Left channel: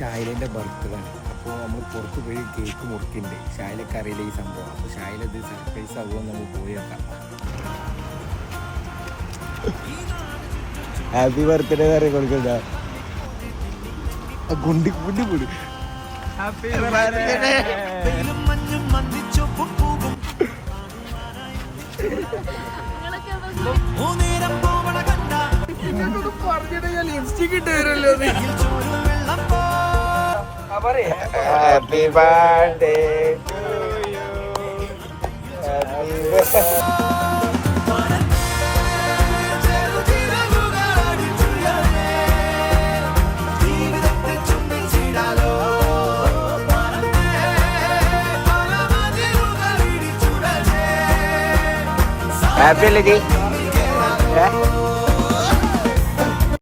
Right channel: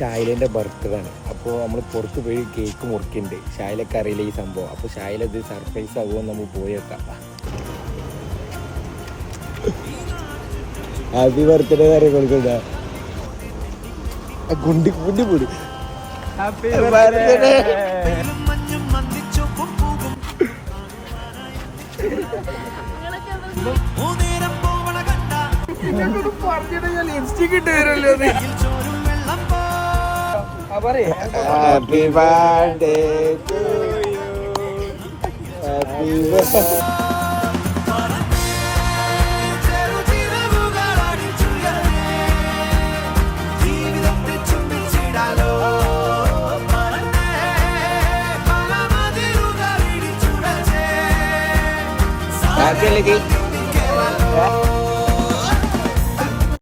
ഷായിലിന്റെ birthday ആണ്. അപ്പോൾ നമ്മൾ പുറത്ത് പോയി കേക്ക് മുറിക്കുന്നുണ്ട്. ഷായിലൊക്കെ അറിയില്ല ഈ സംഭവം. അപ്പോൾ ഷായിലത് സർപ്രൈസ് ആകുമെന്ന് നമ്മൾ പോയി വെക്കാം. ഹാപ്പി ബർത്ത്ഡേ കാര്യം കൊടുക്കണ്ട. കുണ്ടി കുണ്ടി പോടി. Happy birthday. പറഞ്ഞിട്ട് ഞാൻ ലിപ്സ്റ്റിക് ഇട്ട് വരല്ലോ. Happy birthday. ഹാപ്പി